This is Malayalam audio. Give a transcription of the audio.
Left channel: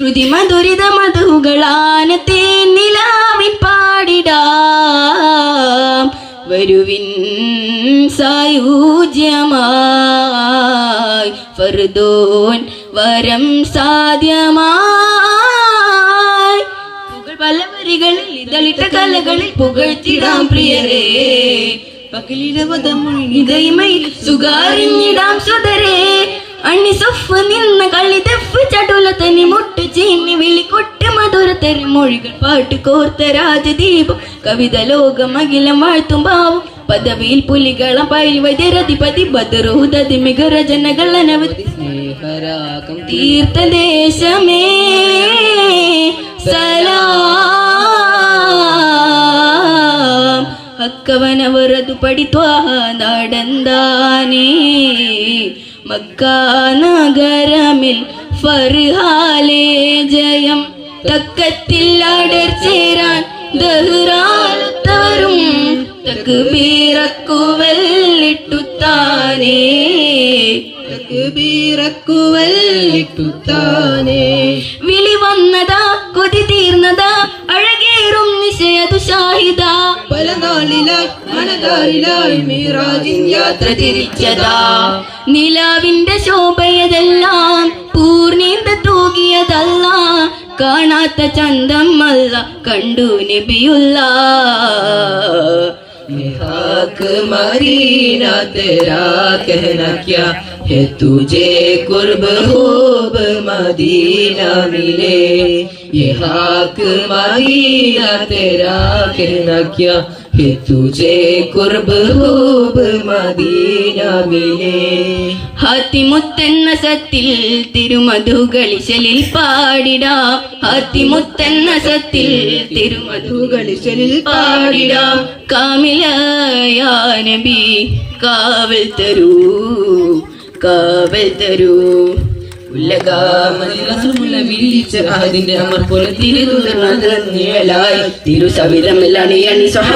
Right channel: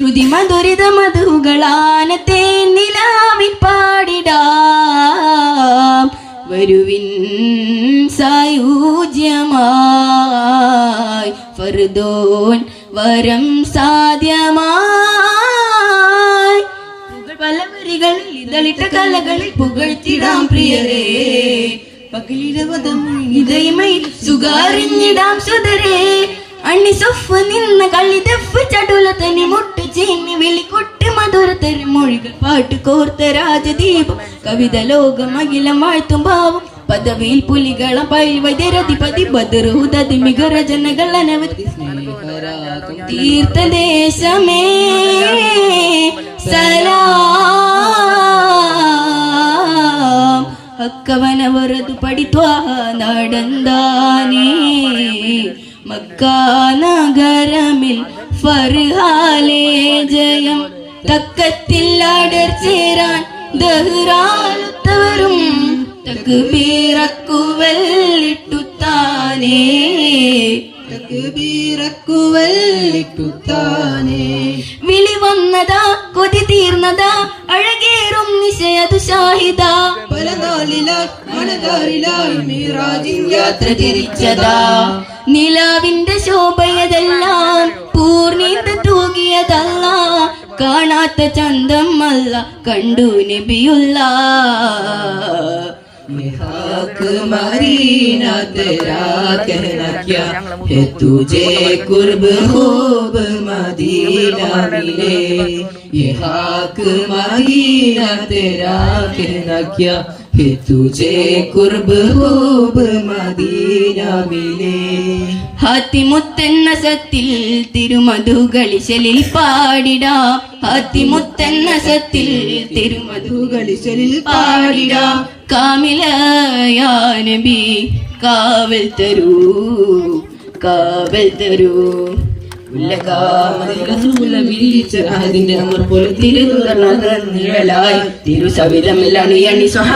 ശ്രുതിമധുരിത മധുകളാനത്തെ നിലാവിൽ പാടിടാം വരുവിൻ സായുജ്യമായി ഫർദോൻ വരം സാധ്യമായി പല വരികളിൽ ഇതളിട്ട കലകളിൽ പുകഴ്ത്തിടാം പ്രിയരേ പകലിടവതമൊഴിതയമൈ സുഗാരിഞ്ഞിടാം സുതരേ അണ്ണി സൊഫ് നിന്ന കളി തെഫ് ചടുല തനി മുട്ട് ചീന്നി വിളിക്കൊട്ട് മധുര തെരമൊഴികൾ പാട്ട് കോർത്ത രാജദീപം കവിത ലോകം അഖിലം വാഴ്ത്തും ഭാവം പദവിയിൽ പുലികളം പയിൽ വൈദ്യരധിപതി ബദറുദതി മികര ജനകൾ അനവധി സ്നേഹരാഗം തീർത്ഥദേശമേ സലാം അക്കവനവരതു പഠിത്വാ നടന്താനേ മക്കാനഗരമിൽ ഫർഹാലേ ജയം തക്കത്തിൽ അടർ ചേരാൻ ദഹ്റാലത്തവരും തക്ബീറക്കുവല്ലിട്ടുത്താനേ വിളി വന്നതാ കൊതി തീർന്നതാ അഴകേറും നിശയതു ഷാഹിദ പല നാളിലായി മനതാരിലായി മിറാജിൻ യാത്ര തിരിച്ചതാ നിലാവിന്റെ ശോഭയതെല്ലാം പൂർണ്ണീത തൂകിയതല്ല കാണാത്ത ചന്തം അല്ല കണ്ടു നബിയുള്ള मदीना तेरा कहना क्या है तुझे कुर्ब खूब मदीना मिले ये हाक मदीना तेरा कहना क्या है तुझे कुर्ब खूब मदीना मिले ഹാത്തിമുത്തെന്ന സത്തിൽ തിരുമധുകളിശലിൽ പാടിടാം ഹാത്തിമുത്തെന്ന സത്തിൽ തിരുമധുകളിശലിൽ പാടിടാം കാമിലയാ നബി കാവൽ തരൂ അതിന്റെ അമർ പോലെ തിരുസവിധം